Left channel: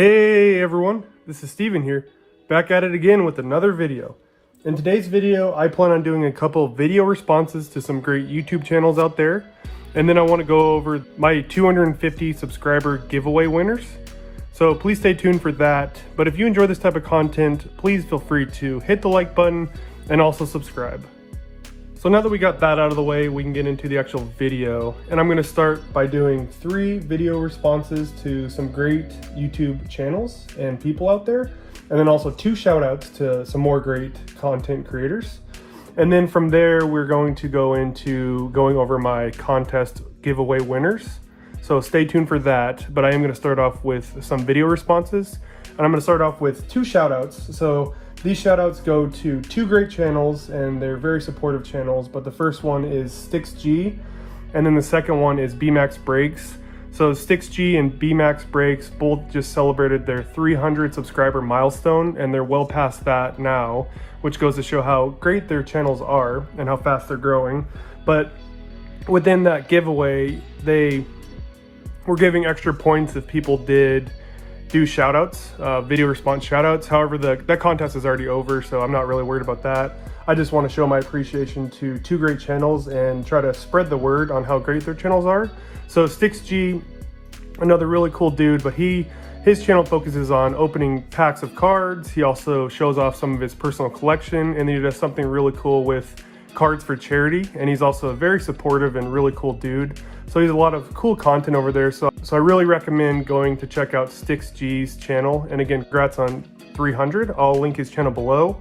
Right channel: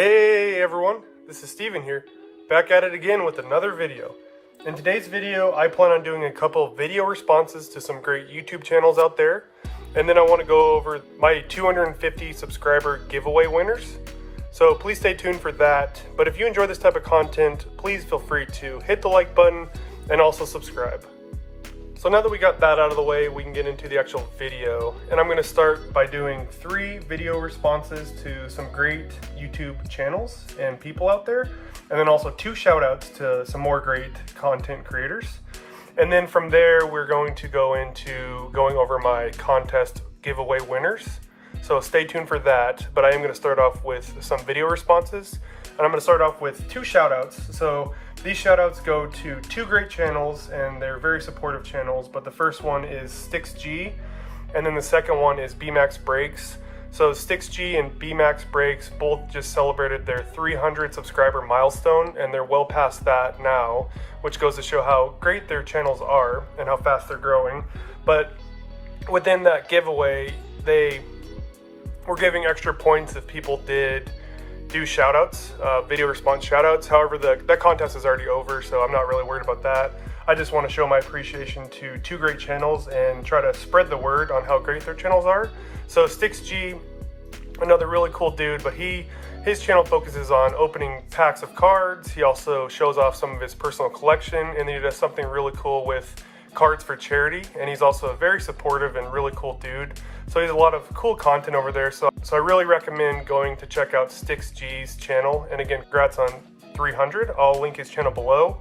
Hey everyone, this is Steven here, back at it again with another video. In today's video, I plan on doing a couple video responses to some great YouTube channels out there, and then I want to go over my 250 subscriber giveaway winners. So please stay tuned for that, but if you enjoy this type of content, please feel free to hit the like button and also subscribe. So now that we got that out of the way, we can get into the actual video. And I'm gonna start by doing 3 video responses to some great YouTube channels and people out there. And then also 2 shout outs to some more great content creators. And then from there, we're going to go into going over my contest giveaway winners. So stay tuned for that, but I am gonna start off with some video responses. And I'm gonna start off with 2 shout outs. So these shout outs go to 2 great channels and they're very supportive channels, but the first one is StixG and then the second one is BMax Brakes. So StixG and BMax Brakes both just celebrated their 300 subscriber milestone and they're well past that now, which goes to show how great their channels are and how fast they're growing. But within that giveaway, they were giving extra points if people did do shout outs, video response shout outs. However, that contest is already over, so I'm not really worried about that. I just want to show my appreciation to 2 great channels and try to spread the word on how great their channels are. So StixG, another really cool dude, but his channel focuses on opening packs of cards. He also shows off some of his personal collection, and then he does something really cool with cards for charity, and he's also a very supportive and really cool dude. So he has a lot of cool content over there. So I really recommend going to check out StixG's channel. And again, congrats on 300. I'll link his channel below.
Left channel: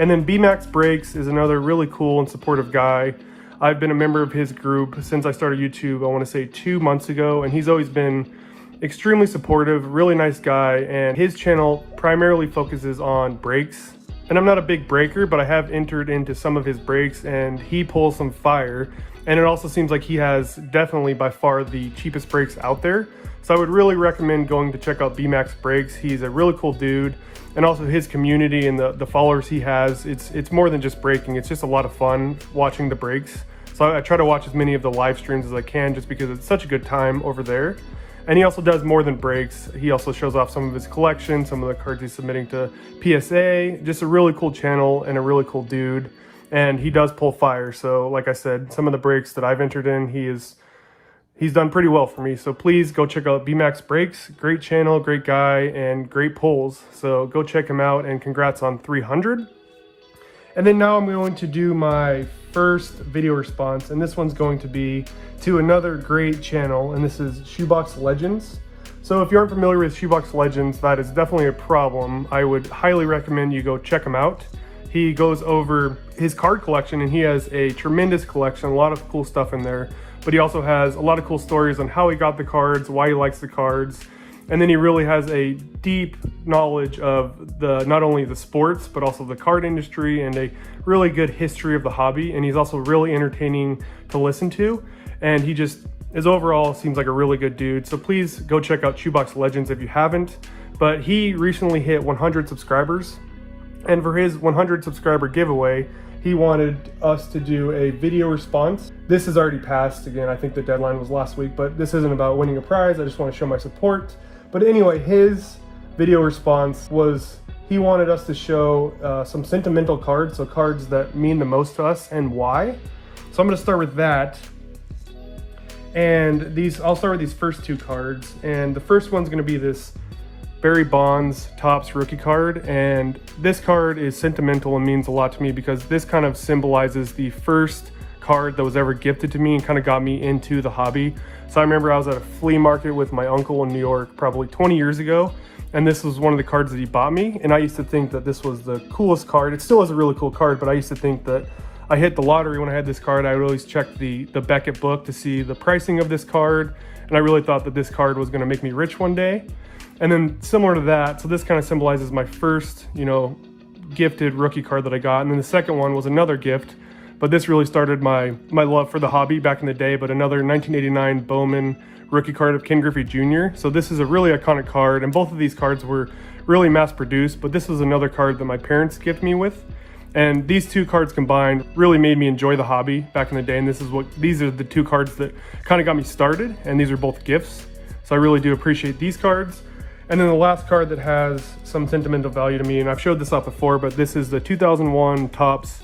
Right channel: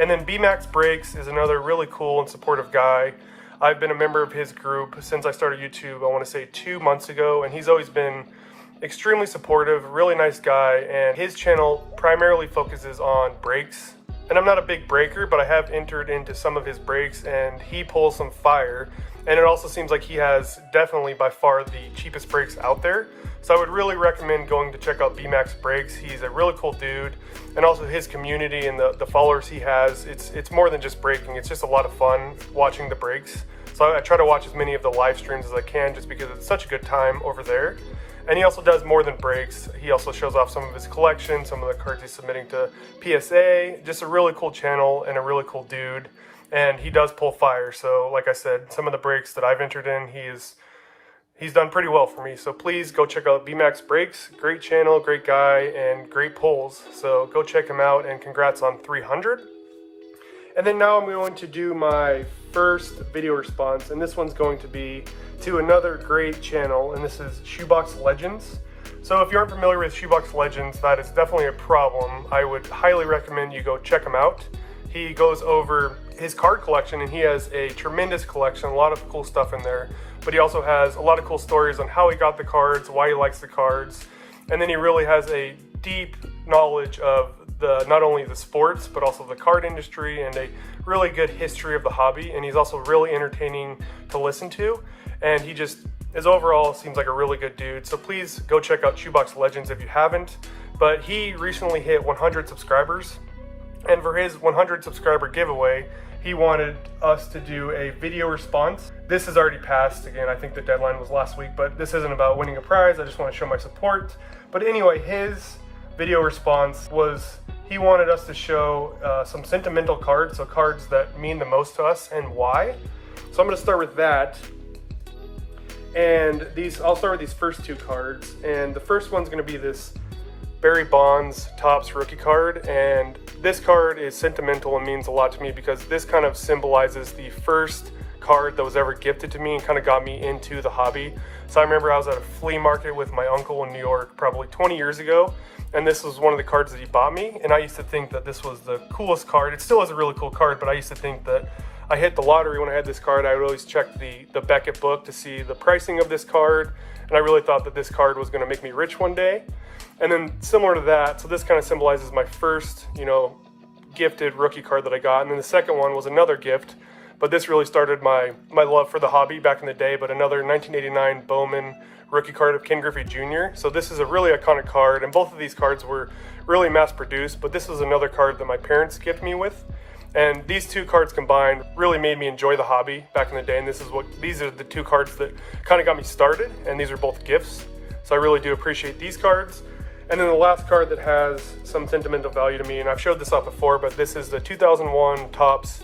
And then BMax Brakes is another really cool and supportive guy. I've been a member of his group since I started YouTube, I want to say 2 months ago, and he's always been extremely supportive, really nice guy, and his channel primarily focuses on brakes. And I'm not a big breaker, but I have entered into some of his brakes and he pulls some fire. And it also seems like he has definitely by far the cheapest brakes out there. So I would really recommend going to check out BMax Brakes. He's a really cool dude. And also his community and the followers he has, it's more than just braking. It's just a lot of fun watching the brakes. So I try to watch as many of the live streams as I can just because it's such a good time over there. And he also does more than brakes. He also shows off some of his collection, some of the cards he's submitting to PSA. Just a really cool channel and a really cool dude. And he does pull fire. So like I said, some of the brakes that I've entered in, he's done pretty well for me. So please go check out BMax Brakes. Great channel, great guy, and great pulls. So go check him out and congrats on 300. And then now I'm going to do my first video response, and this one's going to be to another great channel, and this is Shoebox Legends. So if you aren't familiar with Shoebox Legends, that is definitely a problem. I would highly recommend you go check him out. He goes over his card collection, and he has a tremendous collection, a lot of cool stuff in there, but he also has a lot of cool stories on how he got the cards, why he likes the cards. And then he really has a deep knowledge of not only the sports, but also the card industry and a really good history of the hobby. And he's also really entertaining to listen to. And he just overall seems like a really good dude. So please go check out Shoebox Legends if you haven't. But he recently hit 100 subscribers. And for his 100 subscriber giveaway, he wanted us to do a video response. This has already passed. Again, I think the deadline was last week, but this isn't about winning a prize. I just want to show my support. But anyway, his video response was he wanted us to show some sentimental cards, so cards that mean the most to us and why. So I'm gonna start with that. And I'll start with these first 2 cards. And the first one's gonna be this Barry Bonds Topps rookie card, and this card is sentimental and means a lot to me because this kind of symbolizes the first card that was ever gifted to me and kind of got me into the hobby. So I remember I was at a flea market with my uncle in New York probably 20 years ago, and this was one of the cards that he bought me, and I used to think that this was the coolest card. It still is a really cool card, but I used to think that I hit the lottery when I had this card. I would always check the Beckett book to see the pricing of this card, and I really thought that this card was going to make me rich one day. And then similar to that, so this kind of symbolizes my first, gifted rookie card that I got. And then the second one was another gift, but this really started my love for the hobby back in the day, but another 1989 Bowman rookie card of Ken Griffey Jr. So this is a really iconic card, and both of these cards were really mass produced, but this was another card that my parents gifted me with. And these 2 cards combined really made me enjoy the hobby back in the day. And these are the 2 cards that kind of got me started, and these are both gifts. So I really do appreciate these cards. And then the last card that has some sentimental value to me, and I've showed this off before, but this is the 2001 Topps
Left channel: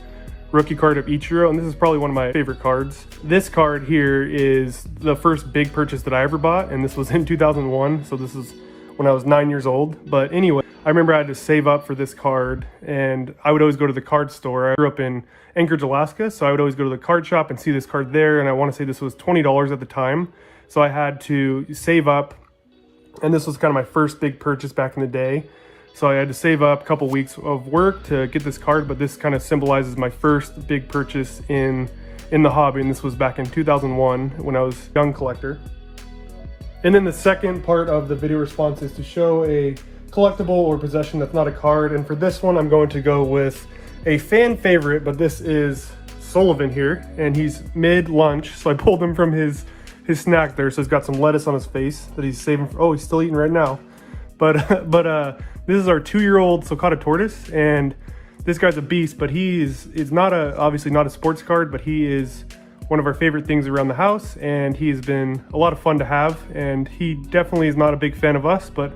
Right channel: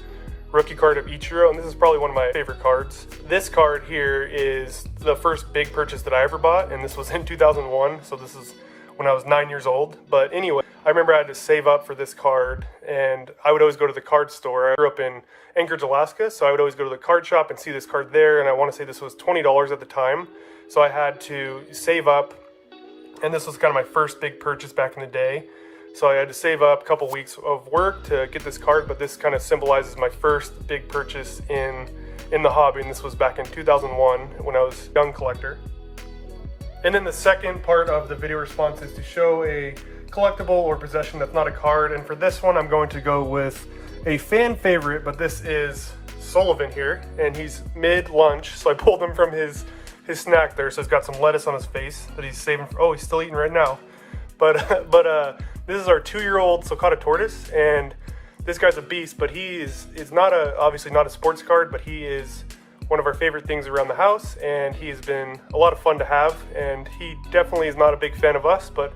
rookie card of Ichiro, and this is probably one of my favorite cards. This card here is the first big purchase that I ever bought, and this was in 2001, so this is when I was 9 years old. But anyway, I remember I had to save up for this card, and I would always go to the card store. I grew up in Anchorage, Alaska, so I would always go to the card shop and see this card there, and I want to say this was $20 at the time. So I had to save up, and this was kind of my first big purchase back in the day. So I had to save up a couple weeks of work to get this card, but this kind of symbolizes my first big purchase in the hobby, and this was back in 2001 when I was a young collector. And then the second part of the video response is to show a collectible or possession that's not a card, and for this one I'm going to go with a fan favorite, but this is Sullivan here, and he's mid-lunch, so I pulled him from his snack there, so he's got some lettuce on his face that he's saving for, oh, he's still eating right now. But this is our 2-year-old Sulcata tortoise, and this guy's a beast, but he is not obviously not a sports card, but he is one of our favorite things around the house, and he's been a lot of fun to have, and he definitely is not a big fan of us, but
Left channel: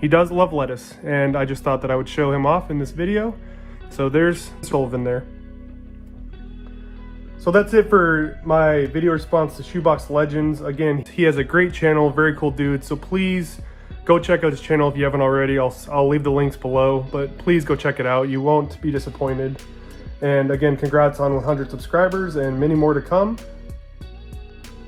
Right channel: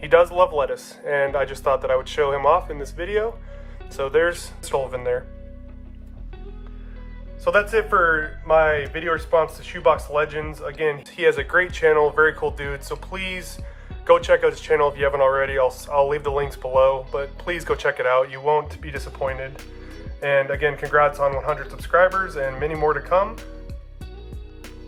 he does love lettuce, and I just thought that I would show him off in this video. So there's Sullivan there. So that's it for my video response to Shoebox Legends. Again, he has a great channel, very cool dude, so please go check out his channel if you haven't already. I'll leave the links below, but please go check it out. You won't be disappointed. And again, congrats on 100 subscribers and many more to come.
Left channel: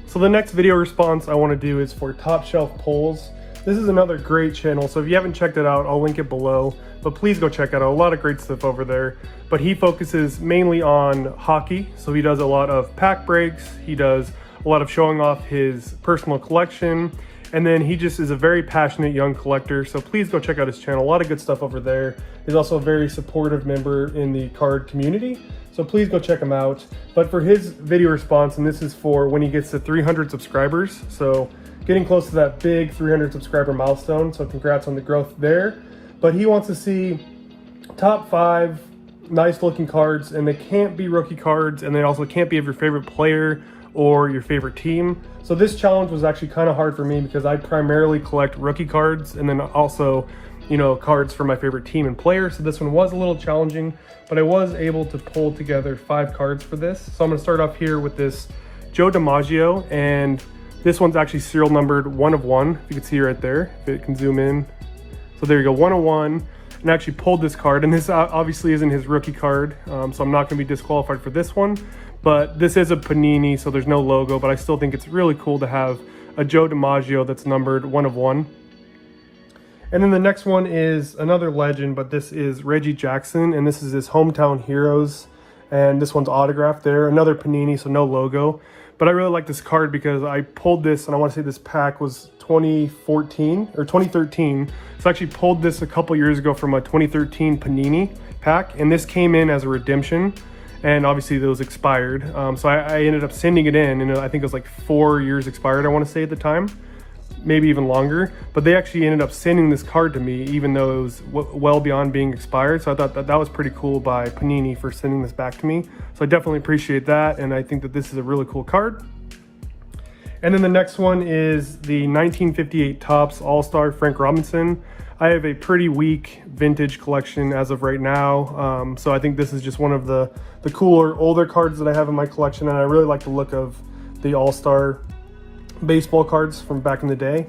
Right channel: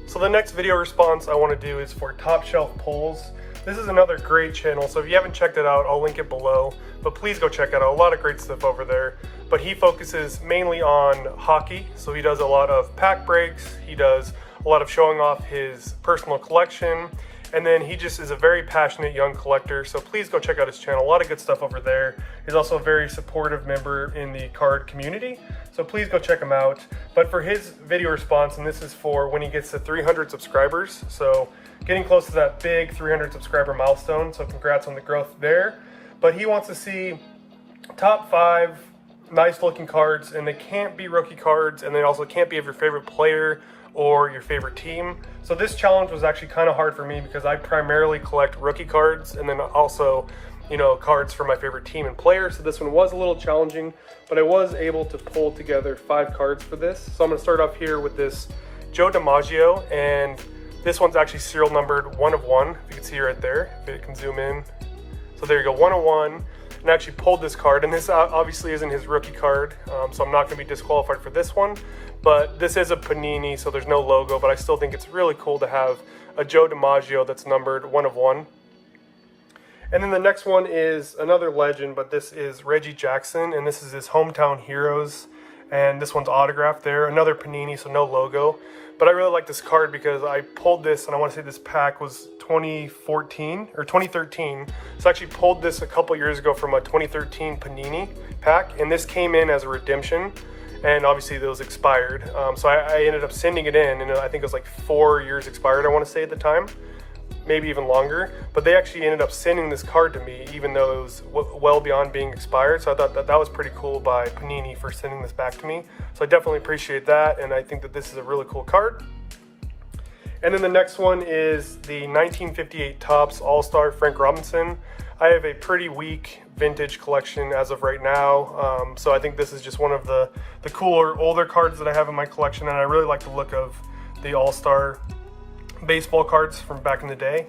So the next video response I want to do is for Top Shelf Pulls. This is another great channel, so if you haven't checked it out, I'll link it below, but please go check it out. A lot of great stuff over there. But he focuses mainly on hockey, so he does a lot of pack breaks, he does a lot of showing off his personal collection, and then he just is a very passionate young collector, so please go check out his channel. A lot of good stuff over there. He's also a very supportive member in the card community, so please go check him out. But for his video response, and this is for when he gets to 300 subscribers, so getting close to that big 300 subscriber milestone, so congrats on the growth there. But he wants to see top 5 nice looking cards, and they can't be rookie cards, and they also can't be of your favorite player or your favorite team. So this challenge was actually kind of hard for me because I primarily collect rookie cards, and then also, you know, cards for my favorite team and player. So this one was a little challenging, but I was able to pull together 5 cards for this. So I'm gonna start off here with this Joe DiMaggio, and this one's actually serial numbered 1 of 1. If you can see right there, if it can zoom in. So there you go, 1 of 1. And I actually pulled this card, and this obviously isn't his rookie card, so I'm not gonna be disqualified for this one, but this is a Panini, so there's no logo, but I still think it's really cool to have a Joe DiMaggio that's numbered 1 of 1. And then the next one is another legend, but this is Reggie Jackson, and this is his Hometown Heroes, and this one's autographed there, another Panini, so no logo. But I really like this card because I pulled this, and I want to say this pack was 2014 or 2013. So I actually pulled this a couple years ago from a 2013 Panini pack, and this came in as a redemption, and obviously it was expired. So I ended up sending it in, and I think it was like 4 years expired, I want to say at the time, maybe even longer. But they actually ended up sending this card to me, even though it was well beyond being expired. So I thought that was pretty cool by Panini for sending this back to me. So I definitely appreciate that, and I think that this is a really cool card. And then the next one is the 1958 Topps All-Star Frank Robinson. I have a pretty weak vintage collection as of right now, so I think this is just one of the cooler, older cards that I have in my collection, and I really like the look of the All-Star baseball cards from back in the day.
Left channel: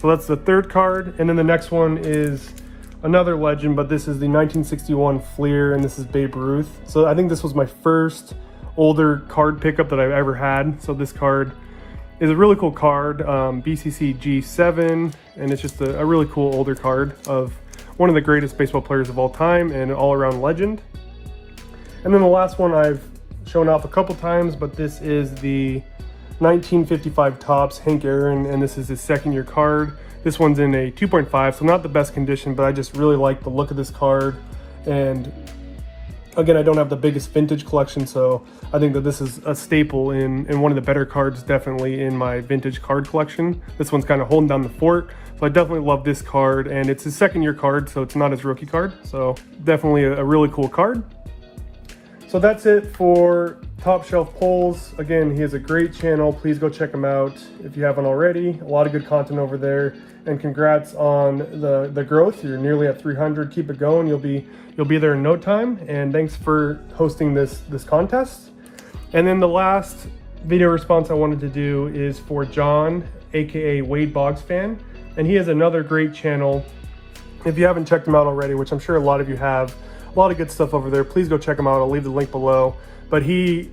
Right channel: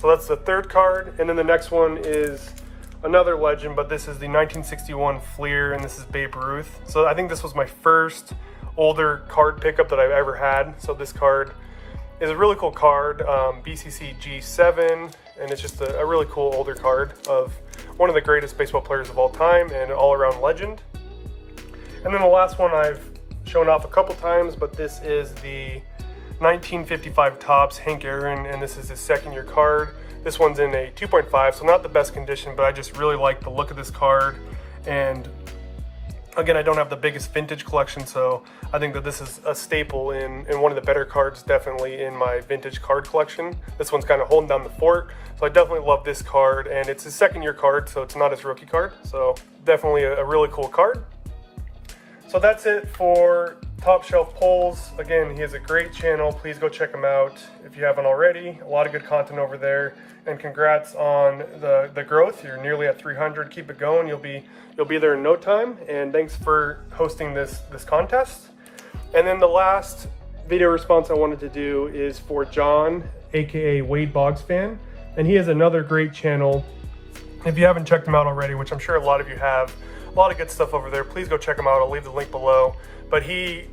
So that's the third card, and then the next one is another legend, but this is the 1961 Fleer, and this is Babe Ruth. So I think this was my first older card pickup that I've ever had. So this card is a really cool card, BCC G7, and it's just a really cool older card of one of the greatest baseball players of all time and an all-around legend. And then the last one I've shown off a couple times, but this is the 1955 Topps Hank Aaron, and this is his second year card. This one's in a 2.5, so not the best condition, but I just really like the look of this card. And again, I don't have the biggest vintage collection, so I think that this is a staple in one of the better cards, definitely in my vintage card collection. This one's kind of holding down the fort, so I definitely love this card, and it's his second year card, so it's not his rookie card, so definitely a really cool card. So that's it for Top Shelf Pulls. Again, he has a great channel. Please go check him out if you haven't already. A lot of good content over there. And congrats on the growth. You're nearly at 300. Keep it going. You'll be there in no time. And thanks for hosting this contest. And then the last video response I wanted to do is for John, aka Wade Boggs Fan. And he has another great channel. If you haven't checked him out already, which I'm sure a lot of you have, a lot of good stuff over there. Please go check him out. I'll leave the link below. But he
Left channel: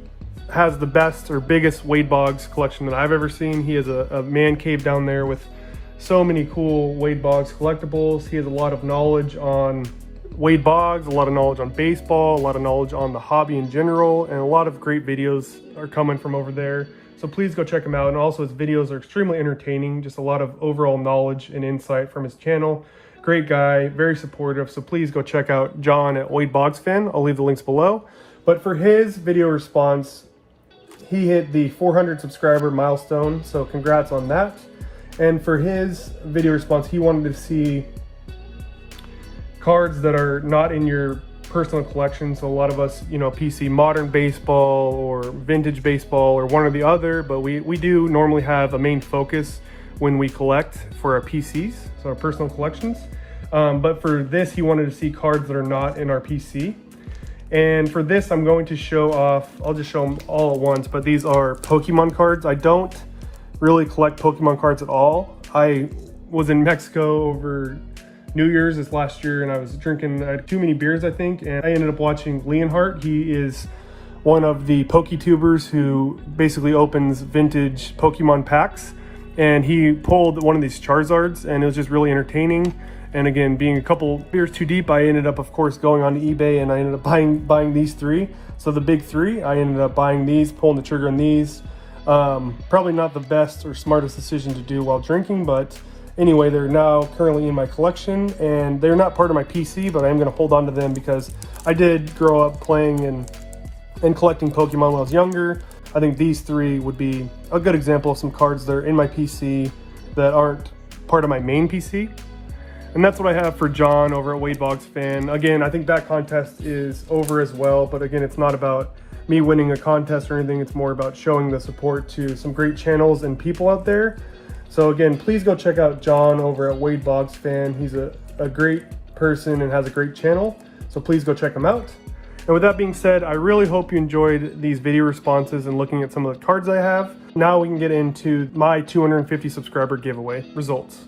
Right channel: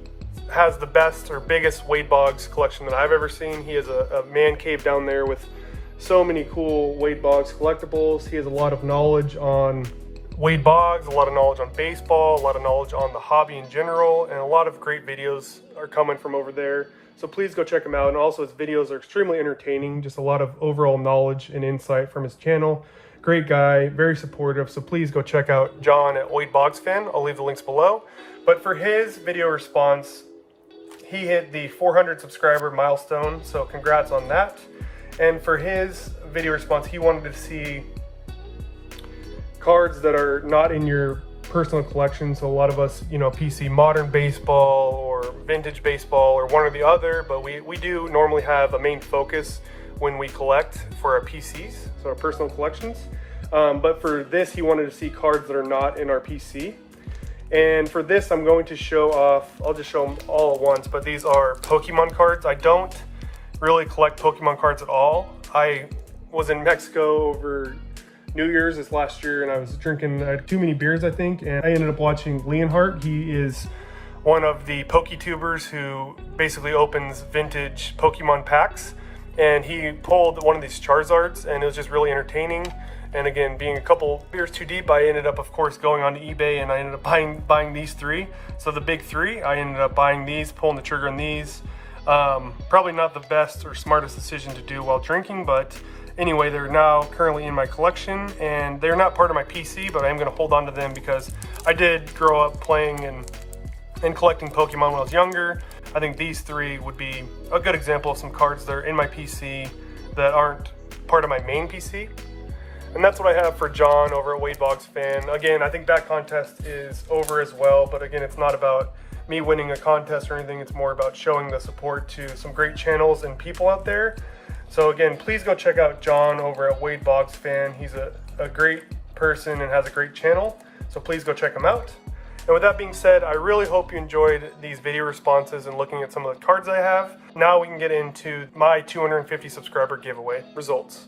has the best or biggest Wade Boggs collection that I've ever seen. He has a man cave down there with so many cool Wade Boggs collectibles. He has a lot of knowledge on Wade Boggs, a lot of knowledge on baseball, a lot of knowledge on the hobby in general, and a lot of great videos are coming from over there. So please go check him out. And also his videos are extremely entertaining, just a lot of overall knowledge and insight from his channel. Great guy, very supportive. So please go check out John at Wade Boggs Fan. I'll leave the links below. But for his video response, he hit the 400 subscriber milestone. So congrats on that. And for his video response, he wanted to see cards that are not in your personal collection. So a lot of us, PC modern baseball or vintage baseball or one or the other, but we do normally have a main focus when we collect for our PCs, so our personal collections. But for this, he wanted to see cards that are not in our PC. And for this, I'm going to show off, I'll just show them all at once, but these are Pokemon cards. I don't really collect Pokemon cards at all. I was in Mexico over New Year's this last year, and I was drinking too many beers, I think, and I ended up watching Leonhardt. He is one of the PokeTubers who basically opens vintage Pokemon packs. And he pulled one of these Charizards, and it was just really entertaining. And again, being a couple beers too deep, I ended up, of course, going on to eBay, and I ended up buying these three. So the big three, I ended up buying these, pulling the trigger on these. Probably not the best or smartest decision to do while drinking, but anyway, they're now currently in my collection, and they're not part of my PC, but I am going to hold on to them because I did grow up playing and collecting Pokemon when I was younger. I think these three would be a good example of some cards that are in my PC that aren't part of my main PC. And that's what I have for John over at Wade Boggs Fan. Again, I think that contest is over as well, but again, it's not about me winning a contest or anything. It's more about showing the support to some great channels and people out there. So again, please go check out John over at Wade Boggs Fan. He's a great person and has a great channel. So please go check him out. And with that being said, I really hope you enjoyed these video responses and looking at some of the cards I have. Now we can get into my 250 subscriber giveaway results.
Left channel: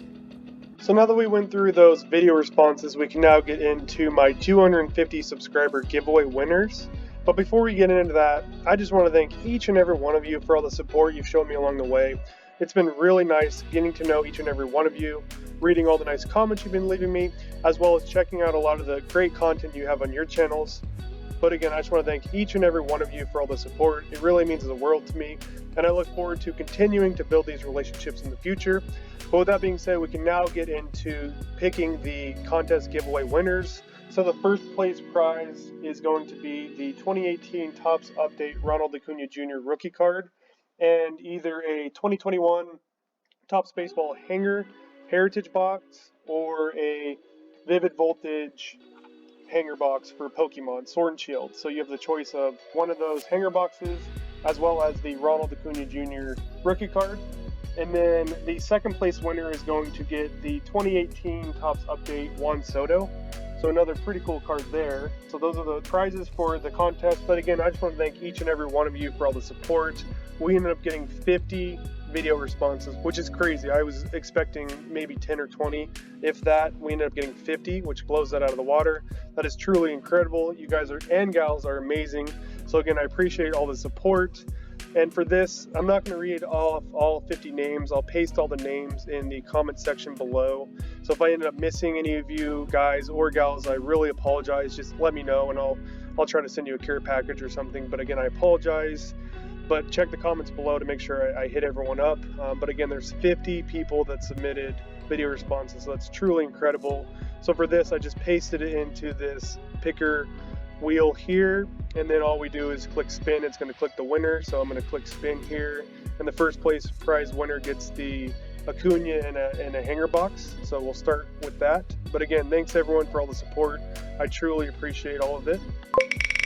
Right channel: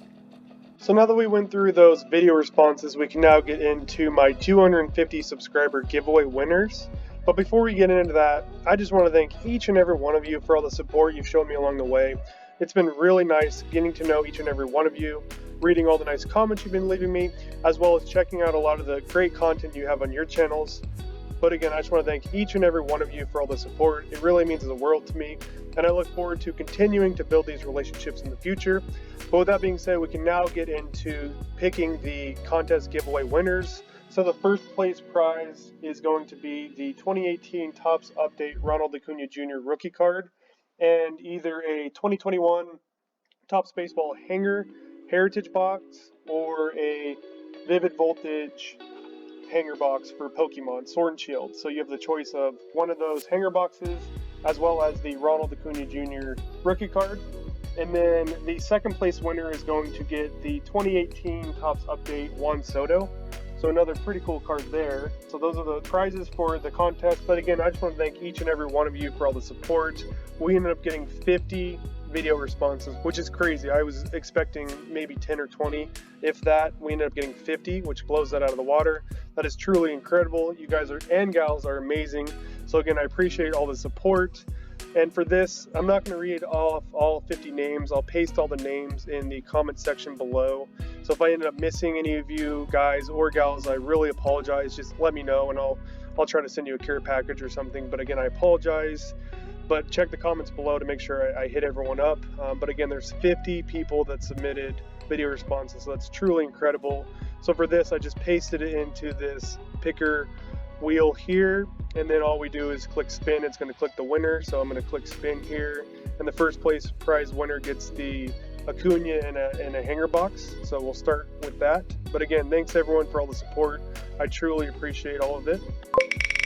So now that we went through those video responses, we can now get into my 250 subscriber giveaway winners. But before we get into that, I just want to thank each and every one of you for all the support you've shown me along the way. It's been really nice getting to know each and every one of you, reading all the nice comments you've been leaving me, as well as checking out a lot of the great content you have on your channels. But again, I just want to thank each and every one of you for all the support. It really means the world to me, and I look forward to continuing to build these relationships in the future. But with that being said, we can now get into picking the contest giveaway winners. So the first place prize is going to be the 2018 Topps Update Ronald Acuna Jr. rookie card, and either a 2021 Topps Baseball Hanger Heritage box or a Vivid Voltage hanger box for Pokemon Sword and Shield. So you have the choice of one of those hanger boxes as well as the Ronald Acuna Jr. rookie card. And then the second place winner is going to get the 2018 Topps Update Juan Soto. So another pretty cool card there. So those are the prizes for the contest. But again, I just want to thank each and every one of you for all the support. We ended up getting 50 video responses, which is crazy. I was expecting maybe 10 or 20, if that. We ended up getting 50, which blows that out of the water. That is truly incredible. You guys and gals are amazing. So again, I appreciate all the support. And for this, I'm not going to read off all 50 names. I'll paste all the names in the comment section below. So if I ended up missing any of you guys or gals, I really apologize. Just let me know, and I'll try to send you a care package or something. But again, I apologize. But check the comments below to make sure I hit everyone up. But again, there's 50 people that submitted video responses, so that's truly incredible. So for this, I just pasted it into this picker wheel here, and then all we do is click spin. It's going to click the winner, so I'm going to click spin here, and the first place prize winner gets the Acuna in a hanger box. So we'll start with that. But again, thanks everyone for all the support. I truly appreciate all of it.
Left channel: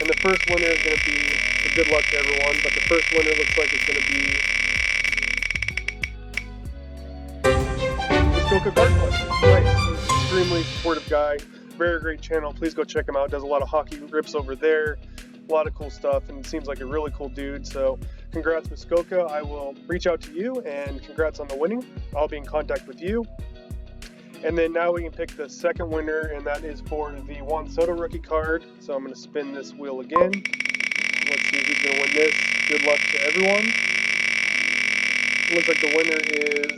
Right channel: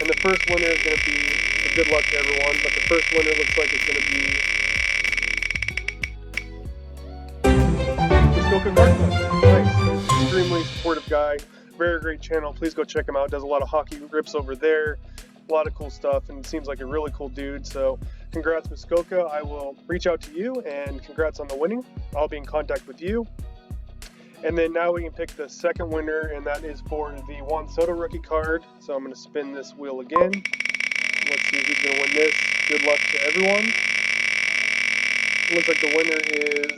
And the first winner is going to be, so good luck to everyone, but the first winner looks like it's going to be Muskoka Card Collector. Nice. Extremely supportive guy. Very great channel. Please go check him out. Does a lot of hockey rips over there. A lot of cool stuff, and seems like a really cool dude. So congrats, Muskoka. I will reach out to you, and congrats on the winning. I'll be in contact with you. And then now we can pick the second winner, and that is for the Juan Soto rookie card. So I'm going to spin this wheel again. Let's see who's going to win this. Good luck to everyone. Looks like the winner is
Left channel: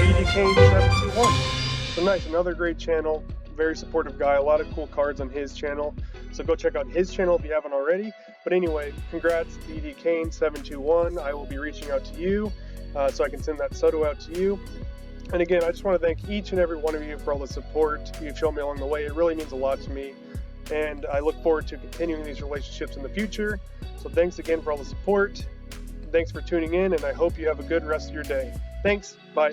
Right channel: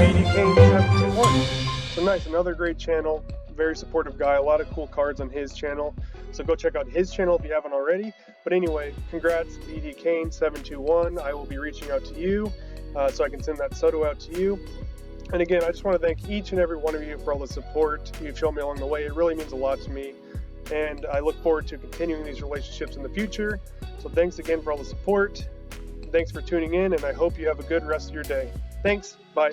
BD Kane 721. So nice, another great channel. Very supportive guy. A lot of cool cards on his channel. So go check out his channel if you haven't already. But anyway, congrats, BD Kane 721. I will be reaching out to you. So I can send that Soto out to you. And again, I just want to thank each and every one of you for all the support you've shown me along the way. It really means a lot to me, and I look forward to continuing these relationships in the future. So thanks again for all the support. Thanks for tuning in, and I hope you have a good rest of your day. Thanks. Bye.